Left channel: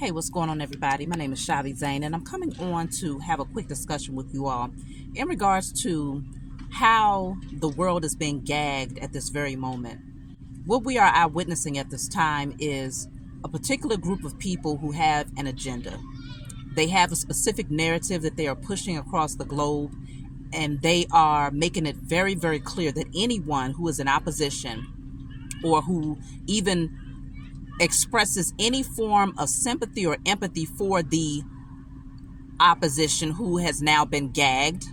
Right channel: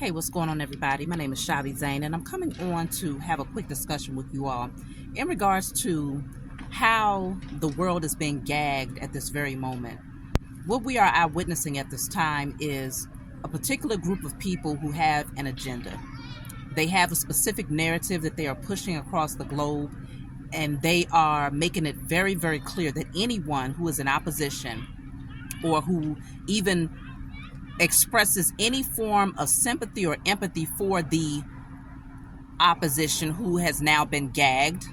Hey, what's going on, everybody? My name is Shavi Zane, and I'm coming on to have a quick discussion with you all in regards to how the world is being gagged at this very moment. What we are eyewitnessing at this time is a particular group of people who have an agenda. They have a specific narrative that they are pushing across the globe, and they are making it very, very clear that anyone who is in opposition or who even expresses any form of sympathy or empathy for the opposition who has now been gagged,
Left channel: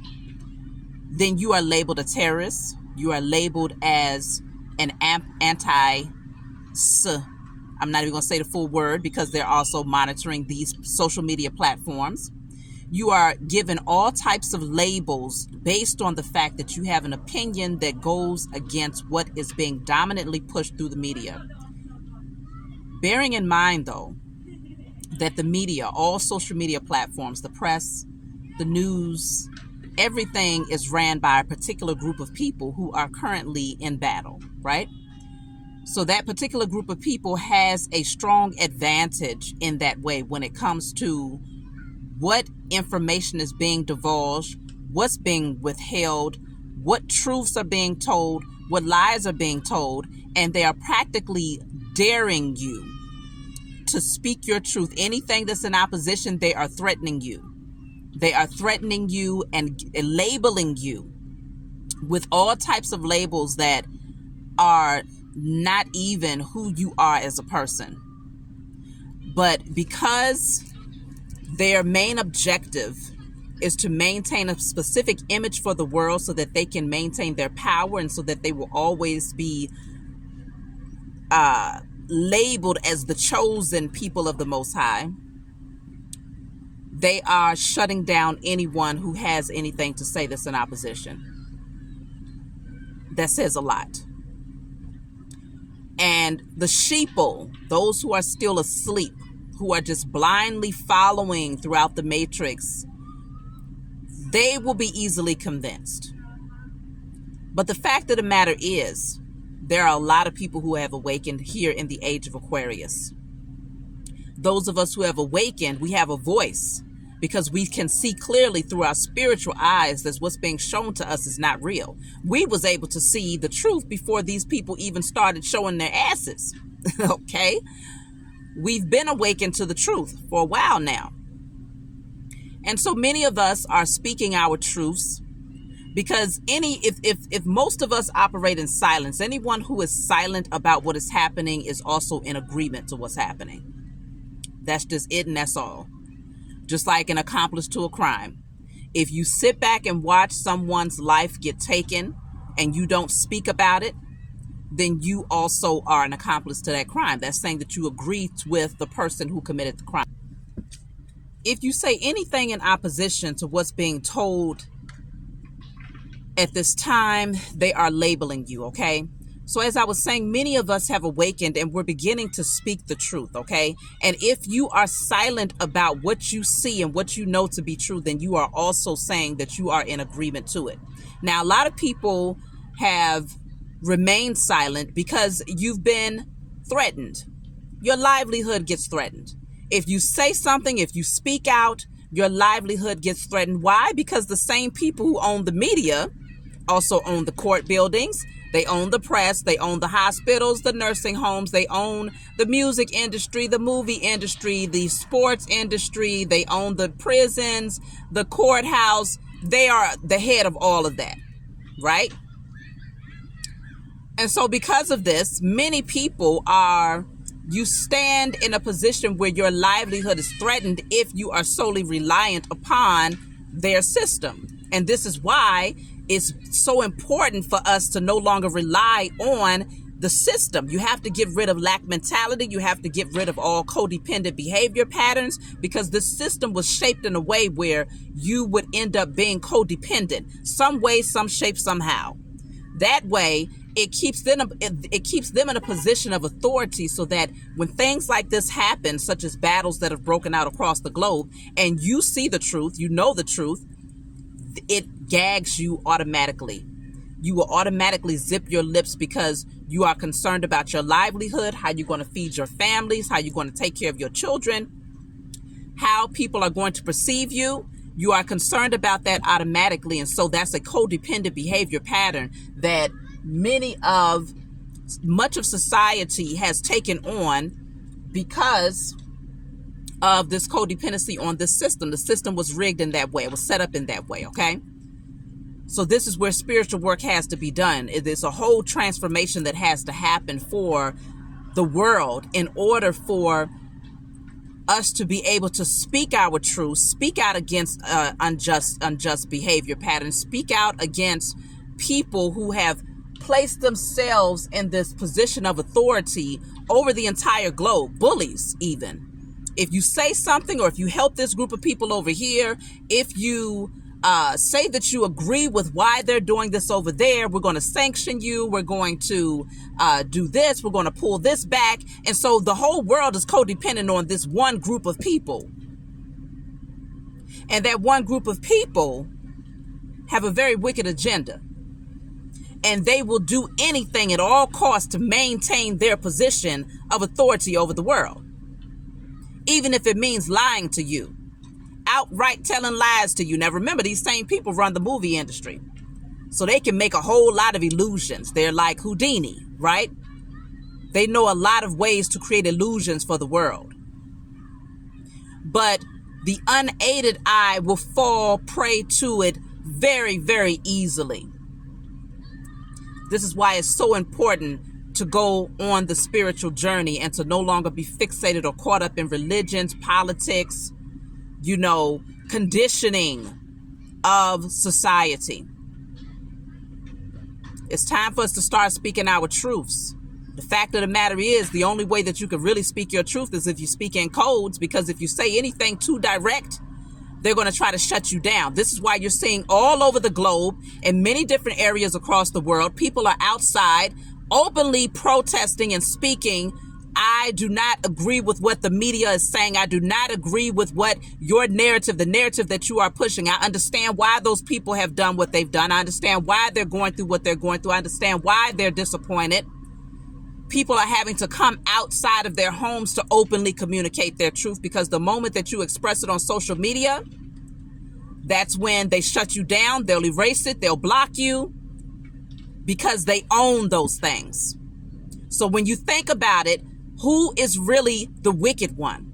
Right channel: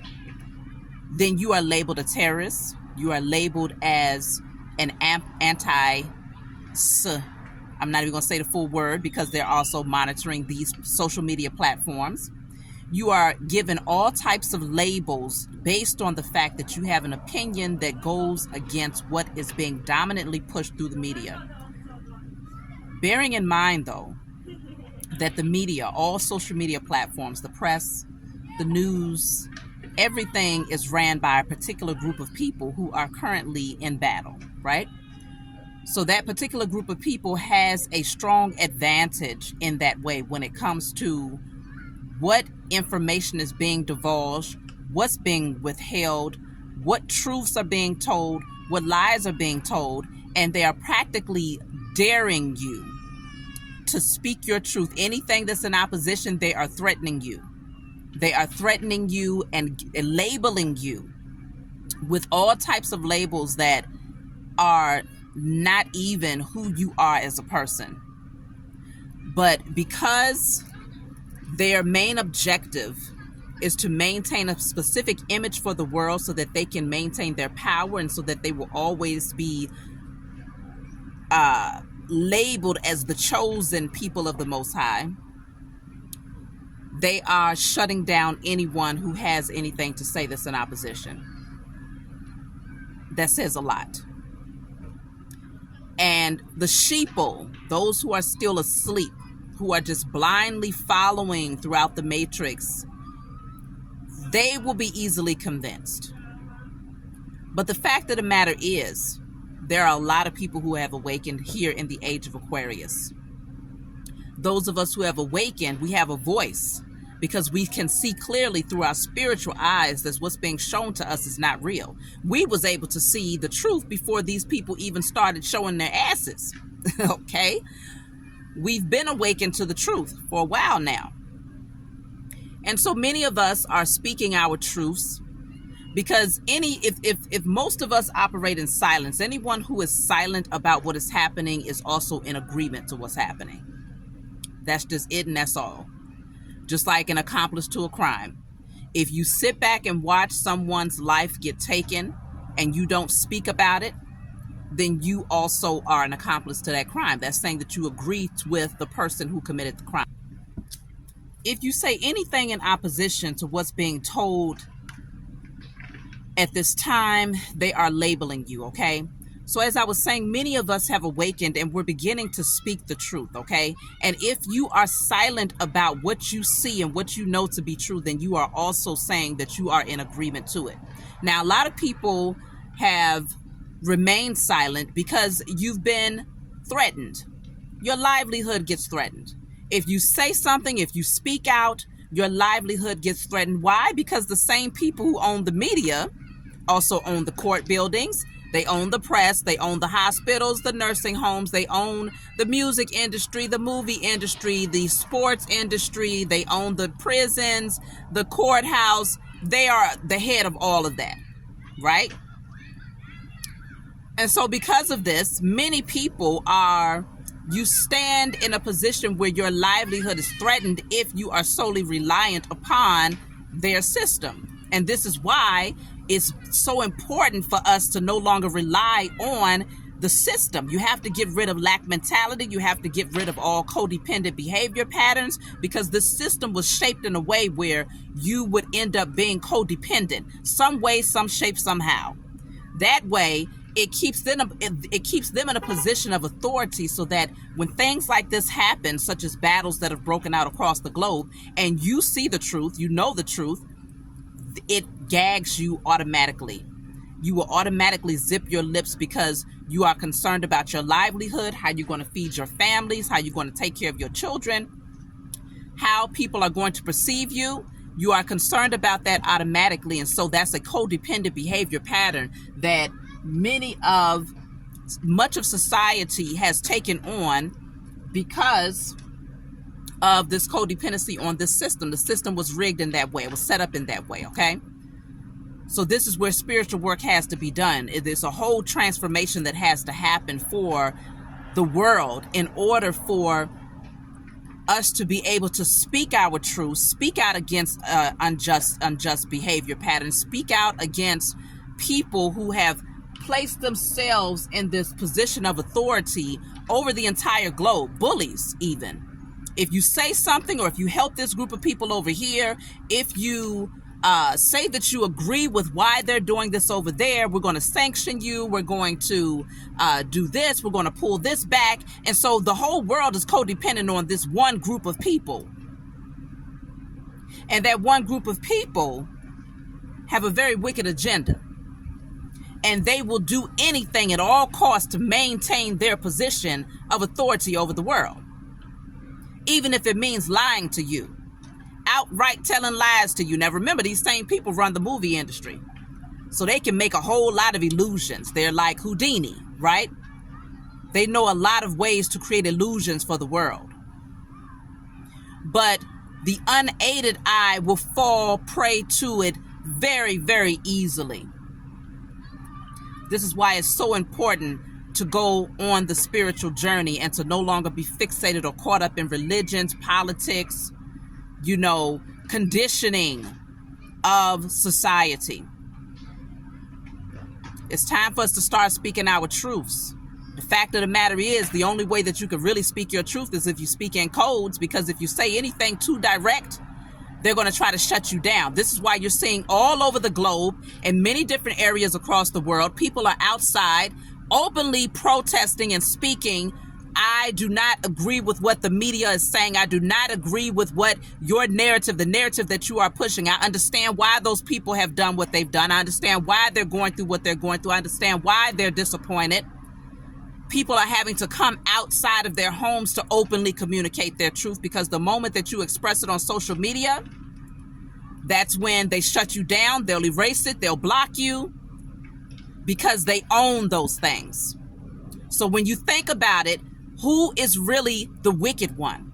then you are labeled a terrorist. You are labeled as an I'm not even going to say the full word because they're also monitoring these social media platforms. You are given all types of labels based on the fact that you have an opinion that goes against what is being dominantly pushed through the media. Bearing in mind, though, that the media, all social media platforms, the press, the news, everything is ran by a particular group of people who are currently in battle, right? So that particular group of people has a strong advantage in that way when it comes to what information is being divulged, what's being withheld, what truths are being told, what lies are being told, and they are practically daring you to speak your truth. Anything that's in opposition, they are threatening you. They are threatening you and labeling you with all types of labels that are not even who you are as a person. But because their main objective is to maintain a specific image for the world so that they can maintain their power and so that they will always be labeled as the chosen people of the Most High, they are shutting down anyone who has anything to say that's in opposition. That says a lot. And the sheeple, those who are still asleep, who are just blindly following throughout the matrix, they will be easily convinced. But the fact of the matter is, there are a lot of people who have awakened here in the age of Aquarius. Those of us who have awakened, we have a voice because we can see clearly through our spiritual eyes that what's being shown to us is not real. We was able to see the truth before these people even started showing their asses. Okay? We've been awakened to the truth for a while now. And so many of us are speaking our truths because if most of us operate in silence, anyone who is silent about what is happening is also in agreement to what's happening. That's just it, and that's all. Just like an accomplice to a crime. If you sit back and watch someone's life get taken and you don't speak about it, then you also are an accomplice to that crime. That's saying that you agreed with the person who committed the crime. If you say anything in opposition to what's being told at this time, they are labeling you, okay? So as I was saying, many of us have awakened and we're beginning to speak the truth, okay? And if you are silent about what you see and what you know to be true, then you are also saying that you are in agreement to it. Now, a lot of people have remained silent because you've been threatened. Your livelihood gets threatened. If you say something, if you speak out, your livelihood gets threatened. Why? Because the same people who own the media also own the court buildings. They own the press. They own the hospitals, the nursing homes. They own the music industry, the movie industry, the sports industry. They own the prisons, the courthouse. They are the head of all of that, right? And so because of this, many people you stand in a position where your livelihood is threatened if you are solely reliant upon their system. And this is why it's so important for us to no longer rely on the system. You have to get rid of lack mentality. You have to get rid of all codependent behavior patterns because the system was shaped in a way where you would end up being codependent, some way, some shape, somehow. That way, it keeps them in a position of authority so that when things like this happen, such as battles that have broken out across the globe, and you see the truth, you know the truth, it gags you automatically. You will automatically zip your lips because you are concerned about your livelihood, how you're going to feed your families, how you're going to take care of your children. how people are going to perceive you, you are concerned about that automatically. And so that's a codependent behavior pattern that much of society has taken on because of this codependency on this system. The system was rigged in that way. It was set up in that way, okay? So this is where spiritual work has to be done. There's a whole transformation that has to happen for the world in order for us to be able to speak our truth, speak out against unjust behavior patterns, speak out against people who have placed themselves in this position of authority over the entire globe, bullies even. If you say something, or if you help this group of people over here, if you say that you agree with why they're doing this over there, we're going to sanction you, we're going to do this, we're going to pull this back. And so the whole world is codependent on this one group of people. And that one group of people have a very wicked agenda. And they will do anything at all costs to maintain their position of authority over the world. Even if it means lying to you, outright telling lies to you. Now remember, these same people run the movie industry, so they can make a whole lot of illusions. They're like Houdini, right? They know a lot of ways to create illusions for the world. But the unaided eye will fall prey to it very, very easily. This is why it's so important to go on the spiritual journey and to no longer be fixated or caught up in religions, politics, conditioning of society. It's time for us to start speaking our truths. The fact of the matter is, the only way that you can really speak your truth is if you speak in codes, because if you say anything too direct, they're going to try to shut you down. This is why you're seeing all over the globe, in many different areas across the world, people are outside openly protesting and speaking. I do not agree with what the media is saying. I do not agree with what your narrative, the narrative that you are pushing. I understand why those people have done what they've done. I understand why they're going through what they're going through. I understand why they're disappointed. People are having to come outside of their homes to openly communicate their truth, because the moment that you express it on social media, that's when they shut you down. They'll erase it. They'll block you, because they own those things. So when you think about it, who is really the wicked one?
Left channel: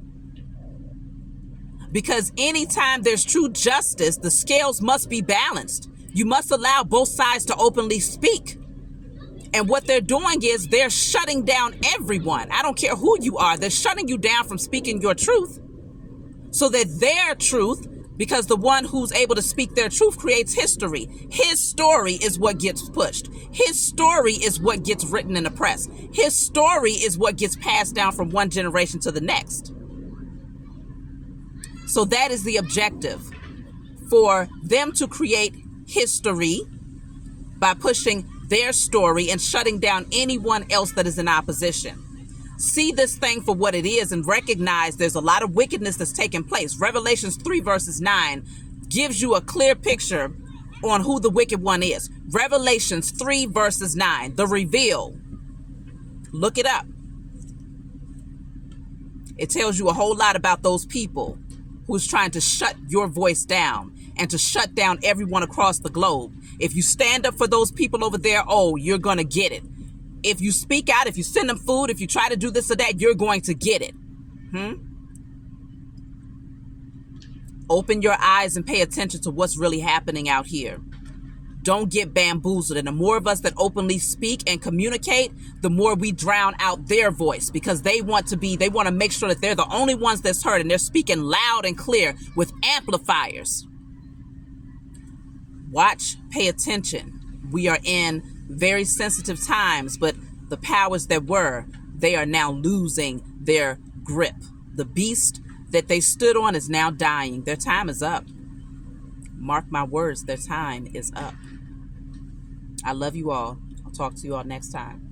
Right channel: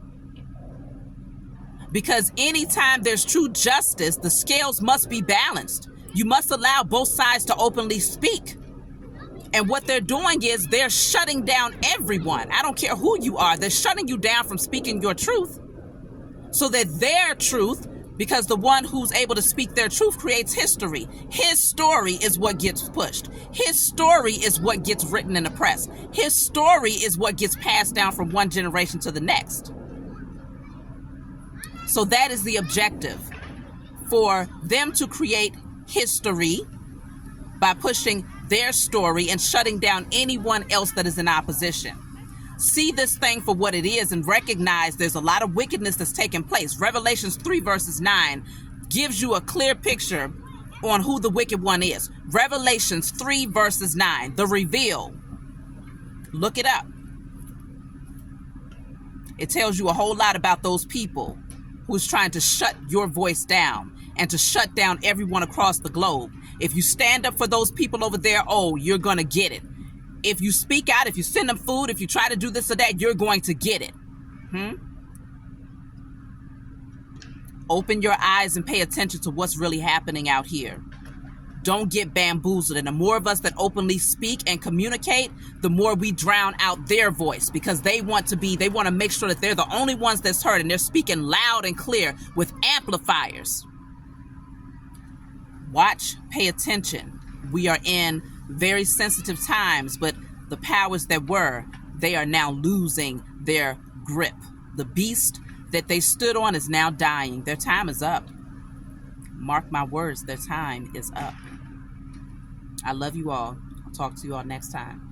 Because anytime there's true justice, the scales must be balanced. You must allow both sides to openly speak. And what they're doing is they're shutting down everyone. I don't care who you are. They're shutting you down from speaking your truth, so that their truth, because the one who's able to speak their truth creates history. His story is what gets pushed. His story is what gets written in the press. His story is what gets passed down from one generation to the next. So that is the objective, for them to create history by pushing their story and shutting down anyone else that is in opposition. See this thing for what it is and recognize there's a lot of wickedness that's taking place. Revelations 3 verses 9 gives you a clear picture on who the wicked one is. Revelations 3 verses 9, the reveal. Look it up. It tells you a whole lot about those people who's trying to shut your voice down and to shut down everyone across the globe. If you stand up for those people over there, you're going to get it. If you speak out, if you send them food, if you try to do this or that, you're going to get it. Open your eyes and pay attention to what's really happening out here. Don't get bamboozled. And the more of us that openly speak and communicate, the more we drown out their voice, because they want to make sure that they're the only ones that's heard, and they're speaking loud and clear with amplifiers. Watch, pay attention. We are in very sensitive times, but the powers that were, they are now losing their grip. The beast that they stood on is now dying. Their time is up. Mark my words, their time is up. I love you all. I'll talk to you all next time.